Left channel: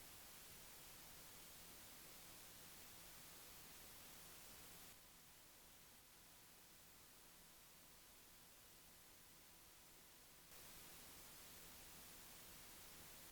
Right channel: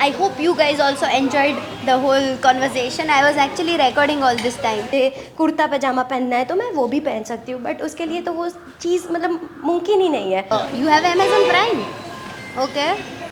I hope you guys also enjoyed the whole conversation. I was actually recording all this time. Kurta पजामा पहनना है तो मैं वो भी पहन सकती हूँ, बट उसके लिए तो वो चीज़ मतलब मुमकिन ही नहीं है. You have Amazon Prime? Okay.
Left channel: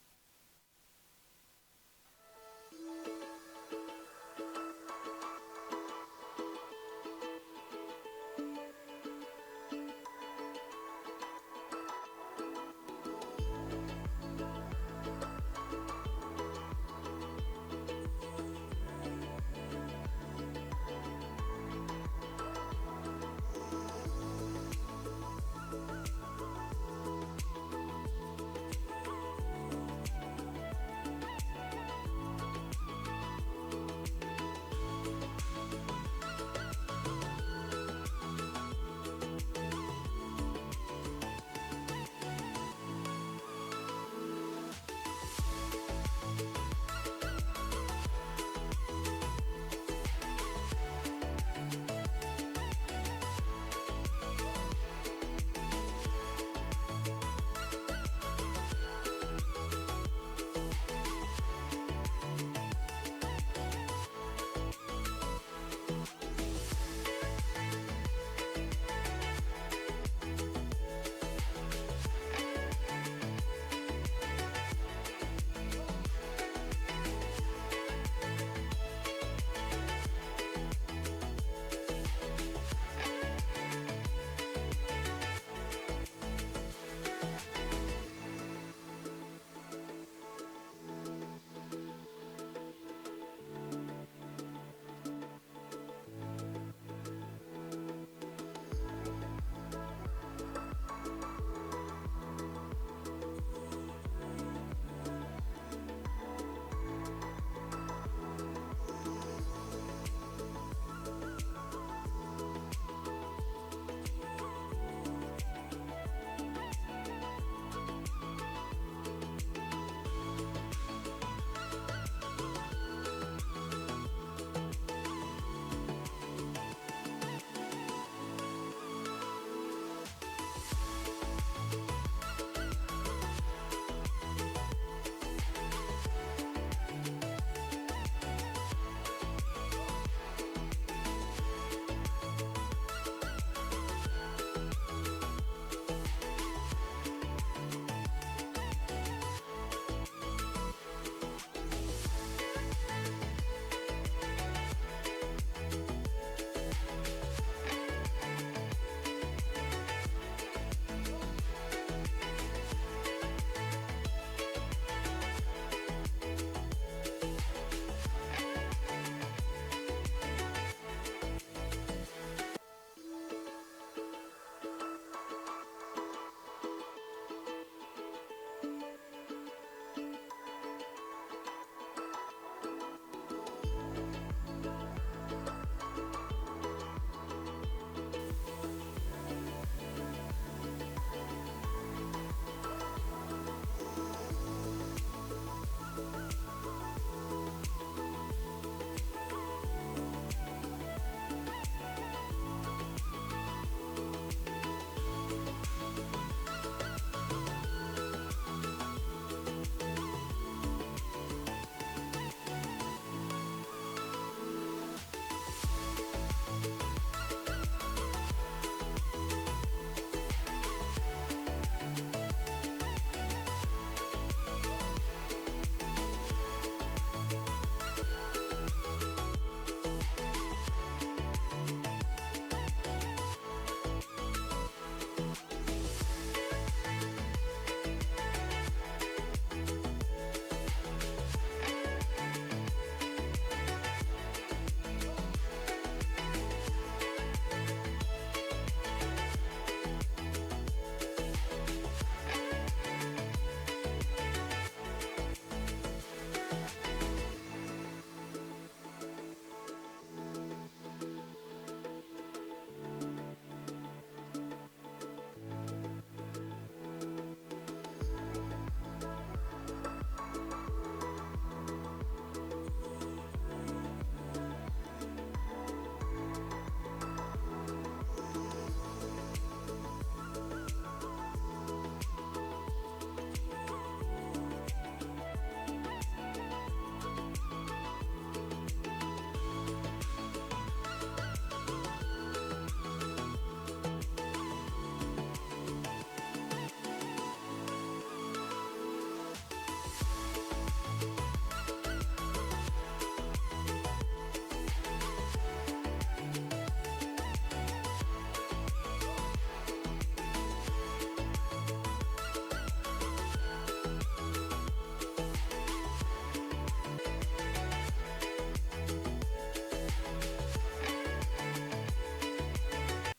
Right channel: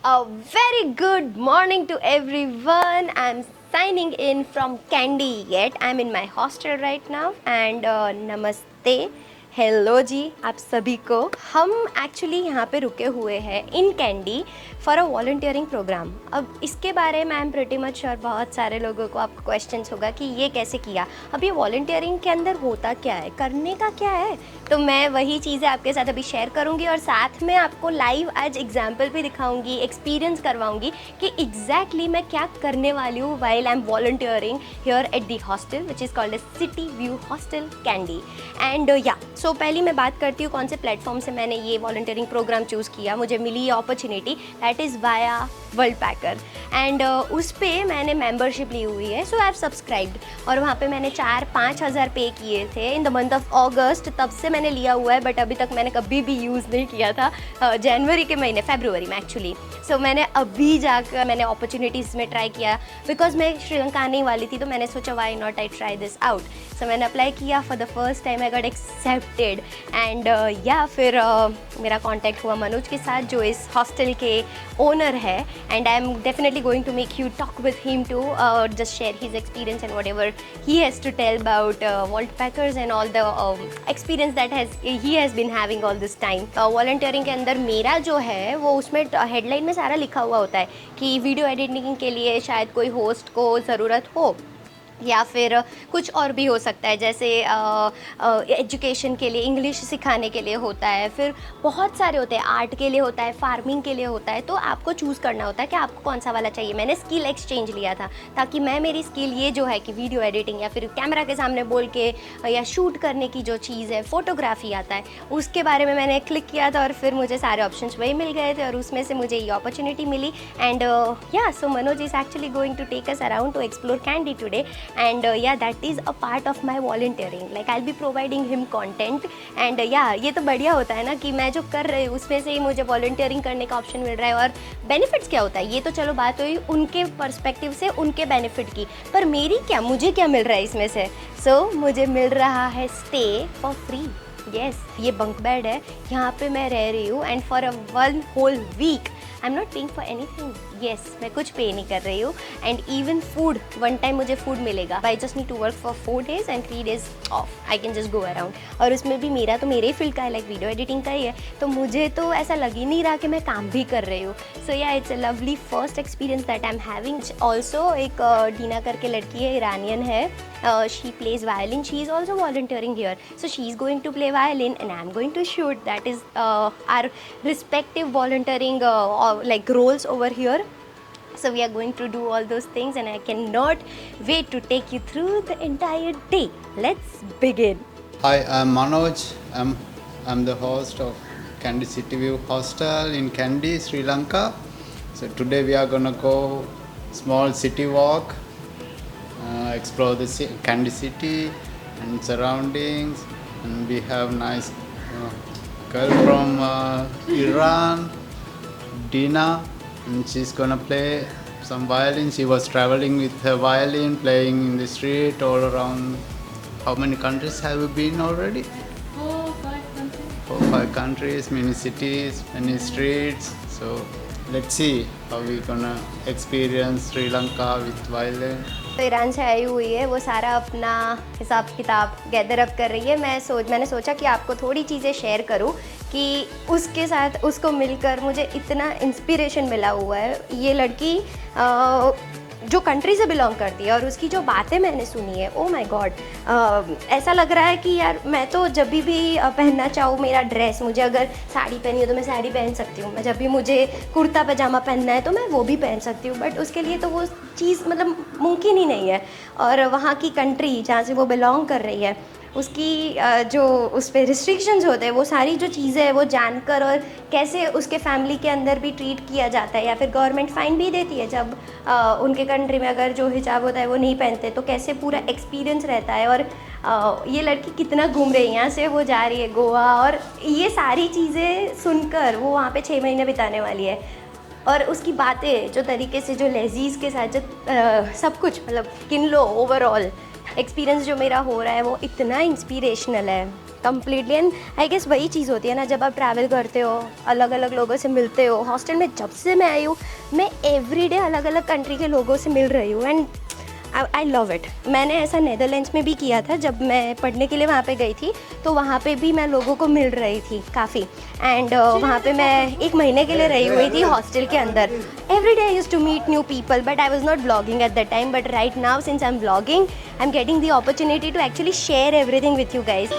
A very good morning to everyone. I'm signing in from Candy yet. I'm in my hostel right now and namaste. Hello जी आप सभी को. हम एक्चुअली यहाँ पे रुके हुए हैं in Kandy for a volunteering programme. अब इसके बारे में I am pretty much sure बहुत सारे लोगों को आपको क्वेश्चंस होगा कि ये कैसे किया. अब ये वॉलंटियरिंग के अंदर होता क्या है, करने का क्या है, तो मैं वही चीज़ें आपके साथ अभी शेयर करूँगी और साथ में आपको लाइव आज एग्जाम्पल भी दिखाऊँगी, एक्सपीरियंस करवाऊँगी कि एग्जैक्टली मैं क्या करने वाली हूँ while I am volunteering here at the hostel which is called as City View Hostel Kandy. And या सो पहले मैं बात करती हूँ कौन से प्लेटफॉर्म से मैंने ये वॉलंटियरिंग प्रोग्राम चूज़ किया. मुझे मिली ये opportunity that is via world पैकर एंड उस पर मैंने मेम्बरशिप ली हुई है. सो आई हैव सब्सक्राइब्ड और वहाँ पे मैंने 4-5 हज़ार पे किए थे इन द मंथ ऑफ अगस्त. तब से मैंने लिया हुआ है बट अभी तक मैंने कभी भी यूज़ नहीं किया था. जनवरी के महीने फरवरी में एक्चुअली. सो मैंने अभी जाकर मैंने अपॉर्चुनिटीज़ में ट्राई किया बिकॉज मैं श्रीलंका आने वाली थी तो मैंने सोचा why not I try this out. So मैंने अप्लाई किया for the first time. I got accepted and या फिर मेरा कॉन्टैक्ट हुआ मनोज के साथ जो इस हॉस्टल के ओनर है and I am definitely going to make you talk with him to just share his experience and whatever he has to tell about Worldpackers and all the experience that he has been having all this time. Volunteering के अंदर मेरा जो है वो उसमें हेडलाइन में सारा लिखा हुआ होता है कि वीडियो एडिटिंग के लिए शायद कोई होस्ट को ज़रूरत हो या फिर कुछ और भी हो सकता है जैसे एजुकेशन के लिए इंग्लिश सिखाने के लिए होता है, फिर बहुत सारे होते हैं, आर्ट के लिए होता है, फार्मिंग के लिए होता है. तो आपको चूज़ करना होता है कि आपको कौन सा वाला चाहिए. मैंने स्किल एक्सचेंज लिया था ताकि मैं मेरी स्किल ये जो है कि वीडियो एडिटिंग या फिर कैमरा के सामने बोल के या शूट करने की जो चीज़ है फोटोग्राफी आता है उसके बारे में मैंने क्लिक किया था और फिर मुझे सारे ऑप्शंस वही मिल गए थे और उसमें से मुझे ये अपॉर्चुनिटी मिली. एंड या so Manoj is actually going to take us around to explore Kandy today. And yeah, that is a part of my volunteering. Like I'll be providing him content and yeah, ये तो बढ़िया होता है ना कि मैं जो कर रही हूँ उसमें से ही मुझे volunteering करने का ऑप्शन मिल रहा है. और बेनिफिट्स क्या होता है ये तो चलो बात हुई उनके पर्सपेक्टिव से, उनके बेनिफिट की, पर मेरी क्या, मुझे क्या मिल रहा है इसमें से. सो मुझे मिल रहा है स्टे फॉर फ्री. यस, ये बंक बेड है, यहाँ पे मैं रह रही हूँ and for a 1 whole week I am not paying for anything. Yes, मैं कुछ पे नहीं कर रही हूँ. And even food, one time मुझे फूड मिलेगा. I just need to work for 4 days and 3 days off. I can just go around. और उसमें भी मेरा तो मेरे ही फील्ड का है, लाइक वीडियो एडिटिंग का ही है, तो मुझे तो ऐसा लग ही नहीं रहा कि मैं काम भी कर रही हूँ. So yeah it's a lovely first experience that I am having. Also एक डीना करके लड़की है, ईरानियन है. She plays violin. She is also volunteering here. So she is going to play violin and I am going to shoot. That is our respective volunteering like roles over here. So we are going to do all those things and I cannot wait to take you through the entire day. Let's begin. Hi, I'm Manoj. I'm the host of Candy City View Hostel in Kandy, Sri Lanka. So today we are gonna go small city walk, explore the Kandy city and surroundings. And we have nice girl from Iran, Dina, and she's gonna play some violin. She was traveling with her violin, playing in the street all around. How many countries have you been already? 4-5 countries. 4-5 countries, many cities, many streets. So let's see how we gonna experience Sri Lanka with violin. तो ईरान से आई हुई है, वो सारा अपना हिसाब किताब gather up कर रही है. मैंने सोचा कि आपको थोड़ी चीज़ें शेयर करूं कि उसके साथ उसको मिलकर मुझे इतना इंस्पिरेशन मिला हुआ है. ये लड़की जो कंट्री से बिलोंग करती है और उसकी जो बातें मैंने सुनी है, ओ माय गॉड, ऐसा लग रहा है कि यार मैं तो जब भी पहनना चाहूँ मेरा ड्रेस, मुझे अगर साड़ी पहनी हो तो मैं साड़ी पहन सकती हूँ, मैं जब भी मुझे कुर्ता पजामा पहनना है तो मैं वो भी पहन सकती हूँ, बट उसके लिए तो वो चीज़ मतलब मुमकिन ही नहीं है. और वहाँ की कंट्री जहाँ से वो बिलोंग कर रही है उसकी जो उस पर रिस्ट्रिक्शंस होते हैं वो सारी जो चीज़ें हैं वो जानकर, और कैसे उसके फैमिली के अंदर भी ट्रीट किया जाता है या फिर गवर्नमेंट फ़ाइन भी देती है जब उनके कंट्री में अगर जो हिजाब होता है वो नहीं पहनते, तो कैसे पूरा एक्सपीरियंस रहता है. और ये लड़की कितना घूम रही है, यहाँ से वो जा रही है गोवा, और ये सारी चीज़ें सुनकर वो वहाँ पे 6 महीने बिताने वाली है. और उसकी बातें जो तरीके से, जो लजीज के साथ, जो सब कुछ मतलब किन लो ओवरऑल एक्सपीरियंस जो मेरा हो रहा है वो इतना इंस्पिरेशनल है कम्प्लीटली। एंड आई गेस वही चीज़ होती है ना, जब आप ट्रैवल करते हो, अलग अलग लोगों से मिलते हो। हॉस्टल में जब से मैं आई हूँ, मैं एवरीडे अलग अलग कंट्री के लोगों से मिल रही हूँ एंड आई लव इट। मैंने ऐसा नेदरलैंड्स में भी किया था, जब मैं पढ़ने के लिए वहाँ पे गई थी, तो वहाँ पे भी मैं लोगों को मिल रही थी काफ़ी। एंड वहाँ पे मैं 1 महीने के लिए रही हुई थी हॉस्टल के अंदर। Every day I used to meet new people, but I was not blogging at that time, but right now since I am blogging, I am getting the opportunity to actually share everything with you guys.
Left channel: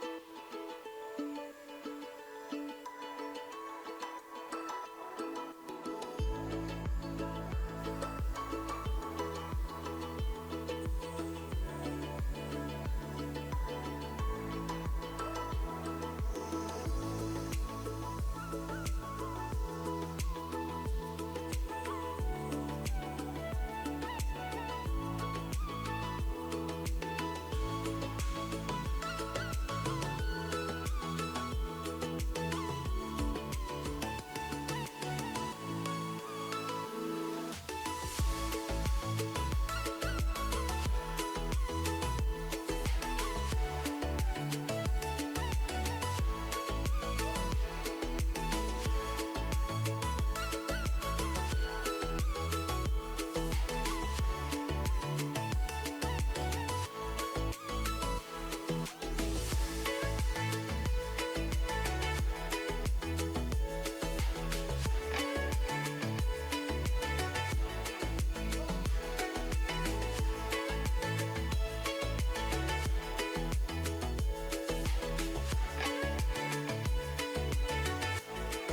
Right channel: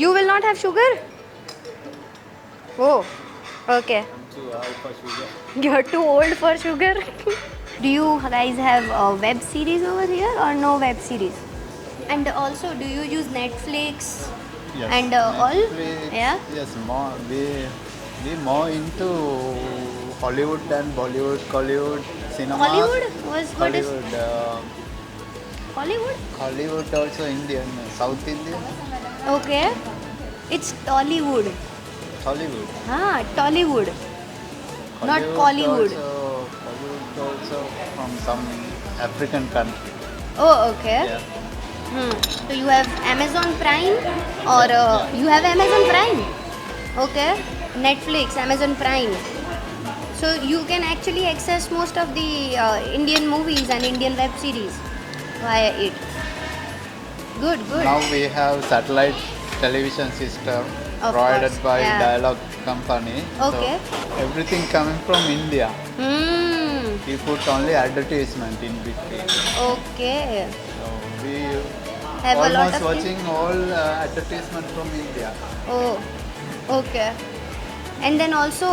You will not have sugar? Oh, okay. You're too old for sugar. Do you guys have a web series over here or no web series? And also, do you use Netflix Yes. and all? Netflix, Yeah. Yes, more we more into Hollywood than Bollywood, Collywood, cinema. Hollywood? What is Hollywood, Hollywood? Hollywood also Indian, South Indian, Okay. It's Tollywood. Hollywood. Ah, Tollywood. Not Collywood. Hollywood also from some African country. Oh, okay. Yeah. So you have Amazon Prime or you have Amazon Prime? Okay. Netflix, Amazon Prime. So you can actually access most of the Indian movies and Indian web series via it. Good, good. Now we have satellite television system Of provided course, by yeah. Dialog company. Okay. So everything coming from India. Hmm. We put only advertisement in between. Okay. So we Have a lot almost of watching all advertisement from India. Oh, okay. And then also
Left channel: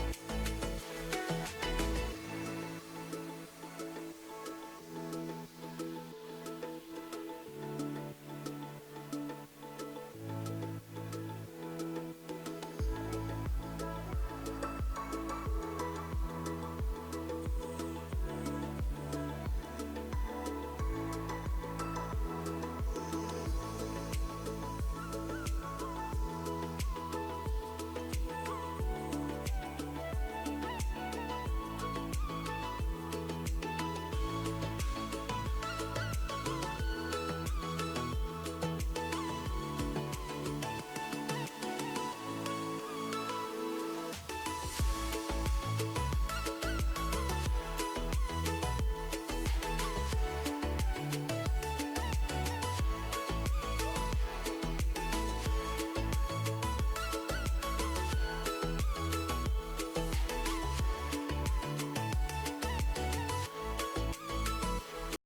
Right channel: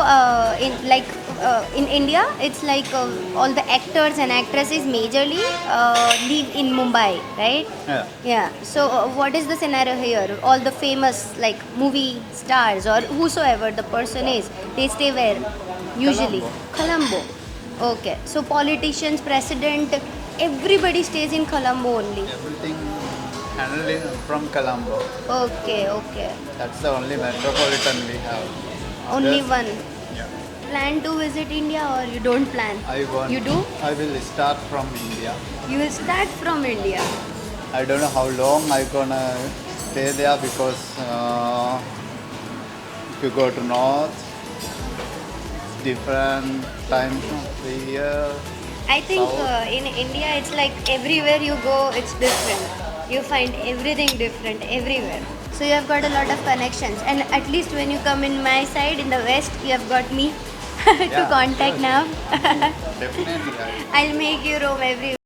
in India, it's like all the actors and actresses majorly live in Mumbai, right? Yeah. Yeah. So what is the scenario here? All the famous like movie stars or whosoever the person is, they stay where? Usually Colombo. Okay. So politicians, president, everybody stays in Colombo only. Everything handled from Colombo. Okay, okay. That's the only metropolitan we have. Only Yes. one. Yeah. Plan to visit India or you don't plan? I want. You do? I will start from India. You will start from India. I don't know how long I gonna stay there because if you go to north, it's different times of the year. I think South. in India it's like everywhere you go it's different. You find everything different everywhere. So you have got a lot of connections and at least when you come in my side in the west you have got me to Yeah, contact sure. now. Definitely. I'll make you roam everywhere.